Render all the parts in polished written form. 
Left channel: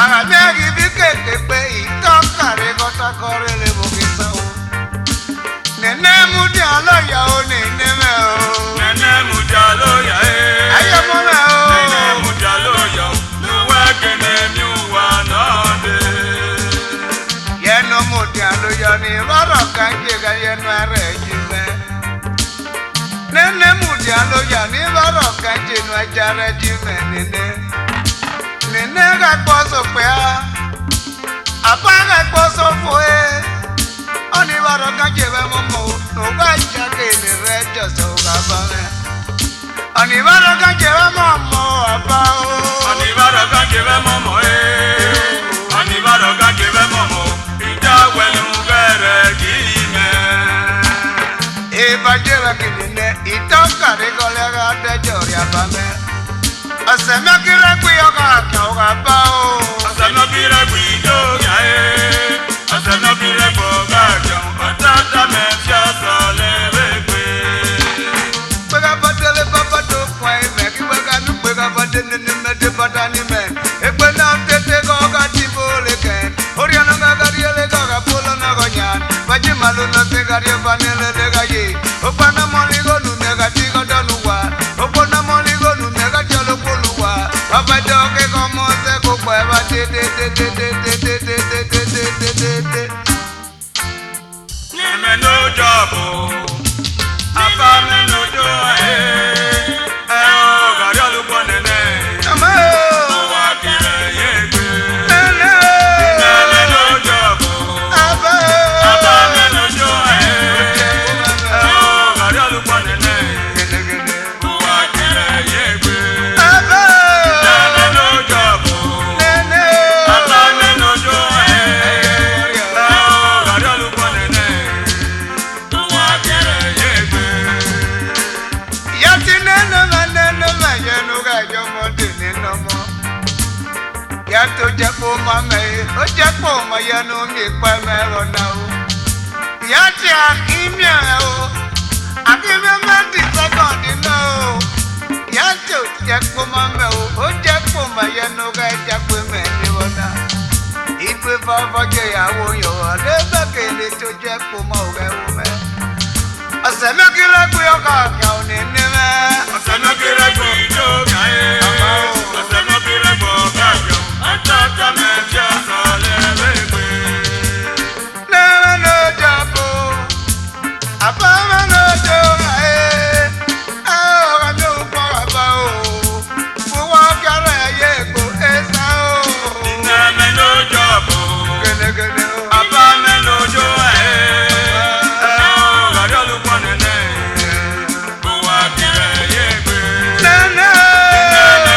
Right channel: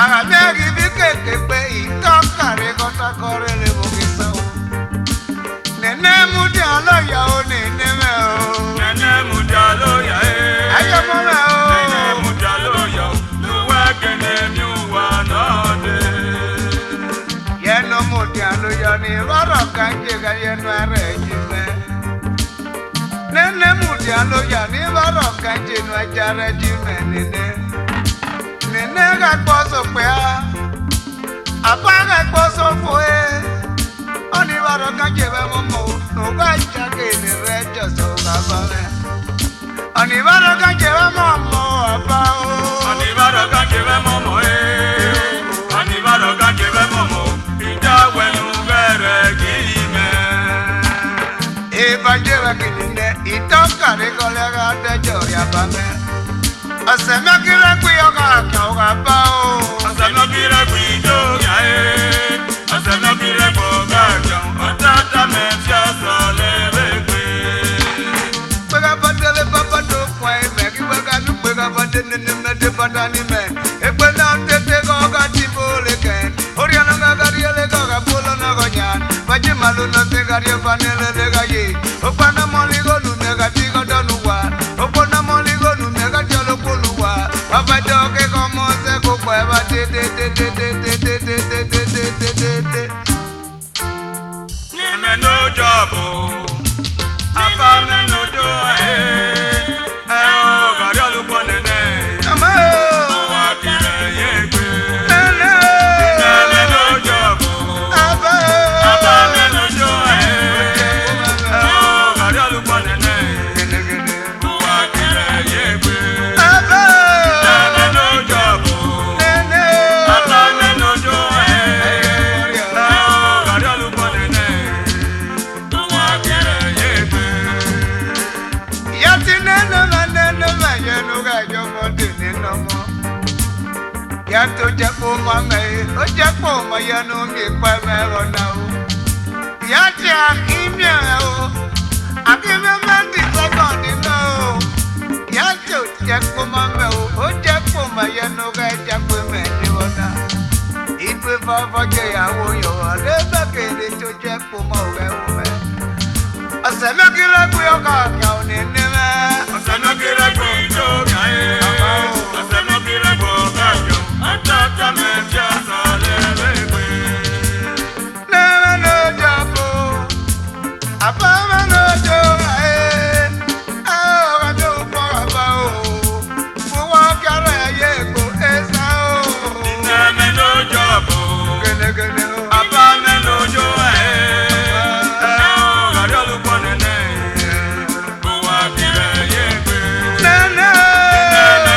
Ara mi rí bí kéde pé ìtọ́kàrí kọ́tàkọ́rí lè bọ̀. dialo yani roro kanje kaya nuare jime. Nene mu dialo yani roro kanje nuajare jime nene. Nene kakposo pea, apa kakposo foe. Oni roro kanje ve momo, no baja ke ni rejo so kabane. Oni roro kanje ve momo apa o. Oni roro kanje ve momo Oni roro kanje ve momo. Evangela kinine itoka regolega de joria bame. Asema kira kuyoga kauga bao. Asema kira kuyoga Asema kira boga jom. Atata mesia sole bebe. Pega badele papa do kwai me. Kiwega nu pega badele ni me de badani me. Ekwe na tete goga timbole ken. Oriana ngagariele goga polo na gonyan. Vaji malu na tegarie vanele de gaye. Opana moligo nu nega tigo doluwa. Opana moligo nu nega jolo poluwa. Papa doge como se kukweva te. Neme no jobo. Apa me no joe. Gari alupo nene. Ama Wakire yegbe. nene. Neme no jobo. Aba me no joe. Gari alupo nene. Wakire yegbe. aba Neme no jobo. nene. Me no joe. Gari alupo nene. Wakire yegbe. Yati nene ma yenu ga yomo dini nomo. Yato jepo mame, o jepo ma yenu mi pa me rona o. Yati akimya o, akimya mati sekondi no. Yato jepo mame o jepo ma yenu ga jepo me ni rona. Ipe baba je yawo yo, lebe kele to jepo ma o me. Asana kila kuyoka nyao ni nime. Asana kira kuyoga Asana kira kuyoga Atata meja sole bebe. Nene no japo, apama no joga ajo papa o, fuwa kara yeko esa o. Neme no jobo. Gene gene o, Apa me no joe. Gari alupo nene. Buwa kire yegbe. nene. Neme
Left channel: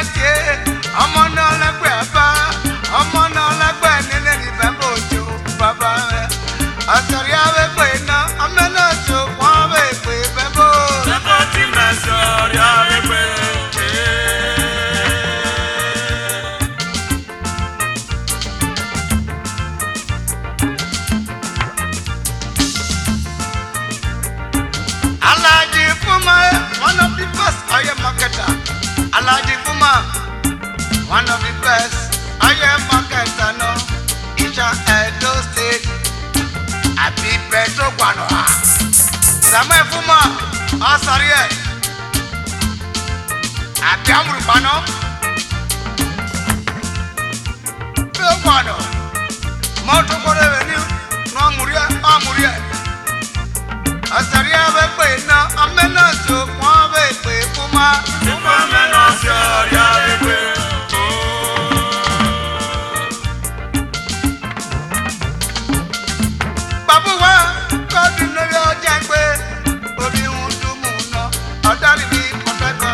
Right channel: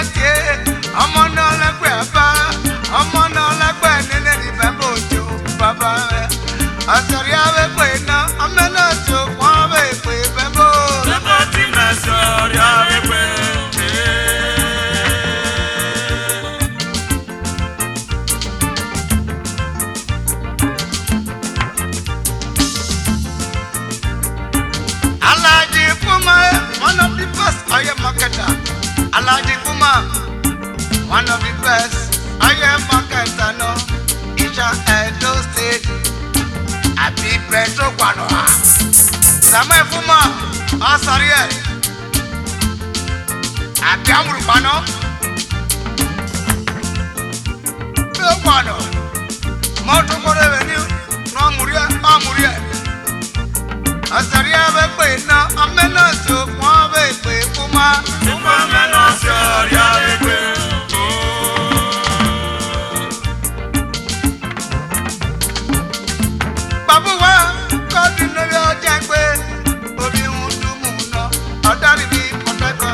yate ọmọ náà lẹ́gbẹ̀ẹ́ àbá ọmọ náà lẹ́gbẹ̀ẹ́ nílé níbẹ̀ bòjò bàbá rẹ̀ àtàrí àwẹ̀pẹ̀ iná ọmọ náà tó wọ́n àwẹ̀pẹ̀ bẹ́ẹ̀ bò. Bẹ́bọ̀ tí mẹ́sàn-án rí àwẹ̀pẹ̀. Alaji Fuma, one of the best I am marketer. Alaji Fuma, one of the best I am marketer. No, it's a Edo State. Happy Peso Guanoa. Samuel Fuma, Asaria. Happy Amurpano. Bill Guano. Moto Revenue, no Muria, Amuria. Asari abepe na amena so kwa abepe kuma Kuma mena sori abepe. Babu wa kodi nori ojagbe obi undu mu na adari bi koteko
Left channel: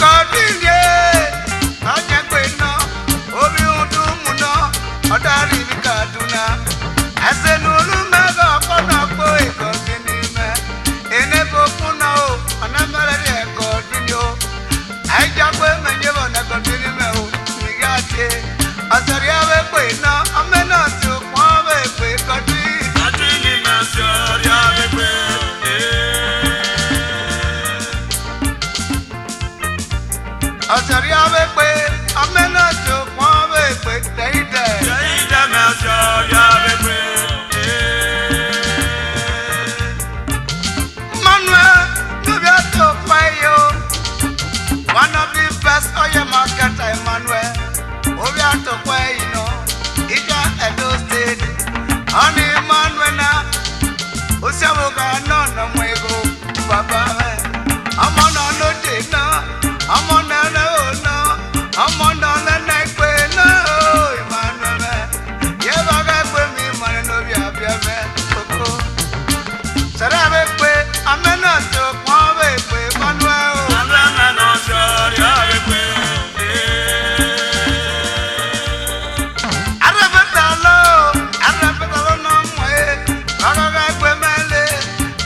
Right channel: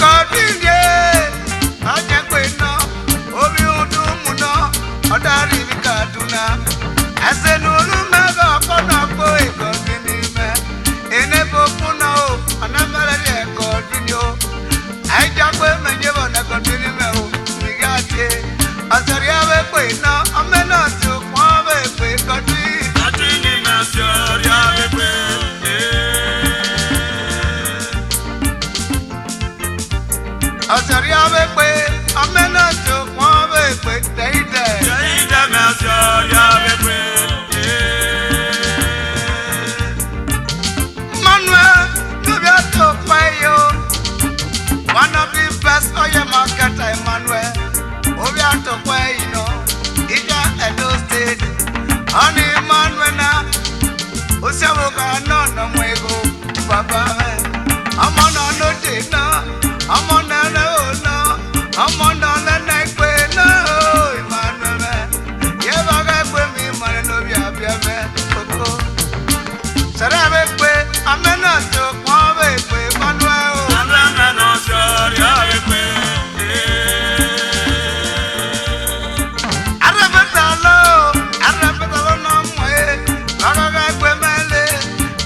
kodi ye ojagbe na obi undu mu na adari bi Kaduna asenulu mega kona po ikodi ni me enebo kuna o anamara de kodi ni o ajagbe menjebo na kodi ni me o nigate asari abepe na amena so kwa abepe kodi Ati ni mẹ́sàn-án rí àwẹ̀pẹ̀. Asari abepe amena so kwa abepe teide Sẹ́yìn jẹ́ mẹ́sàn-án rí àwẹ̀pẹ̀. Manuel Nubiato Payo one of the best oil marketer Emmanuel Obiato Payo Ija Edo State Ani Emmanuel na Osaboka no no mwego Baba Amona no de na Amona no no Amona no na kwe no Emmanuel Yebaga kwe mi mane no bia me Koko Sarabe kwe amena to kwawe kwe Manuel Amẹ́ mẹ́nà sori àwẹ̀pẹ̀. Arabetalo no mwe Bagaga kwe mele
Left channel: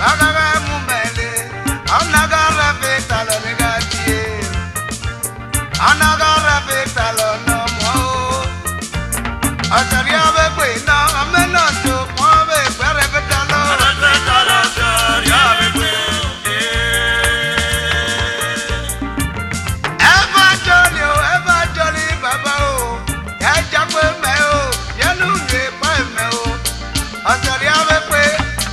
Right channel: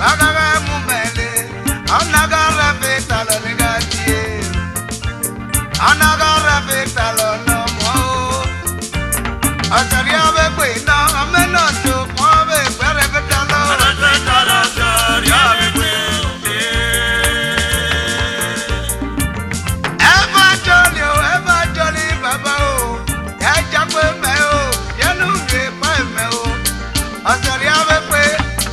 Bagaga mu mele Anaga arabetalo negatie Anaga arabetalo no mo Asari abe kwe na amena to kwawe kwe arabetalo Arabetalo sori àwẹ̀pẹ̀. Ever jolly, Baba, oh, ya jagwe me, oh, ya nunge pa me, oh, asari ave kwe,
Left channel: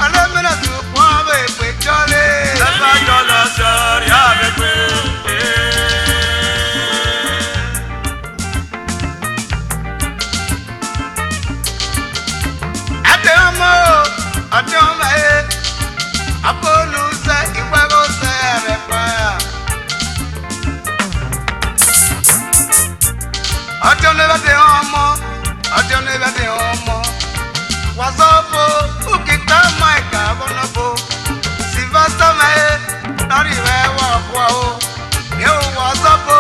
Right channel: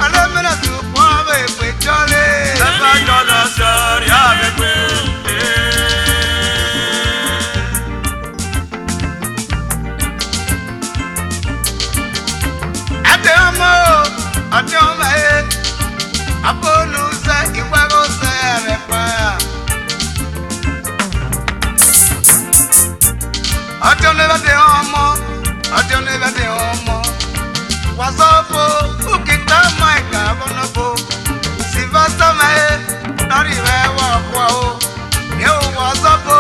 alamena tu kwa ave kwe jolly. Bẹ́bọ̀ jọlọ sori àwẹ̀pẹ̀. Ate omo, apolu se iwago se repa. Ate omo, wasopo, ukita maika bonobo, sivasta me, nari wewa kwa o, yo wasopo,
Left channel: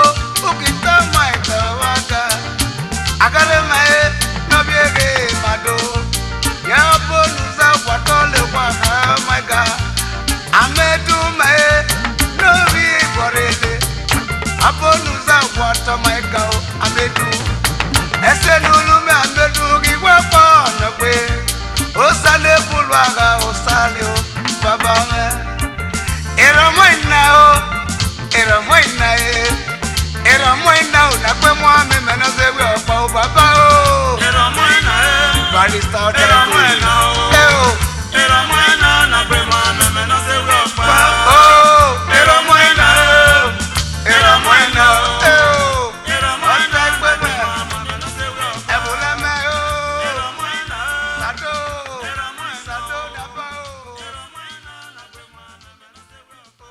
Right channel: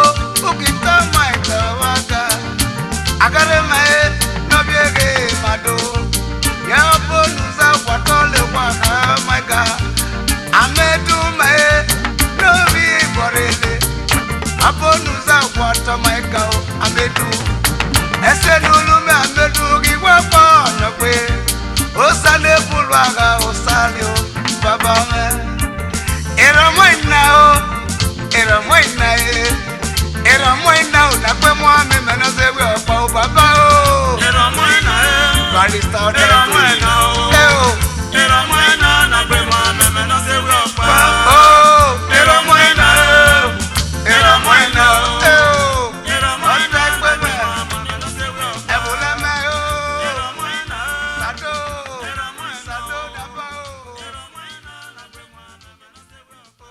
ukita maika waga, agare me, no biege mado, ya polu se watole waga maika, amedu me, no bi borele, apolu se wato maika o, amedu. Ese nulu me amedu giwa pa na pe o sale bulwaga o sale o baba me era moina o na pe mo ame me na se we opa o baba o Era moina barista o Era moina o. o Era moina na pe mo ame me na se we opa. o era moina Era moina o. o Era moina na pe mo ame me na se we opa. ebule me o Era moina o. sado Era moina sado o. daba o Era moina na pe mo ame me na se we opa.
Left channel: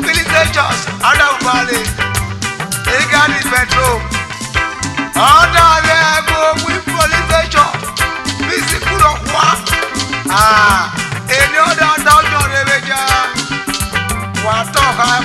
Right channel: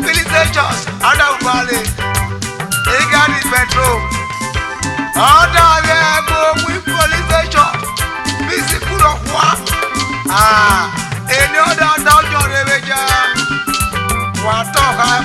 Militations, Adam Valley, Egani Petrol. Other there go with police station. Physical of what? Any other down your reveja. What talk I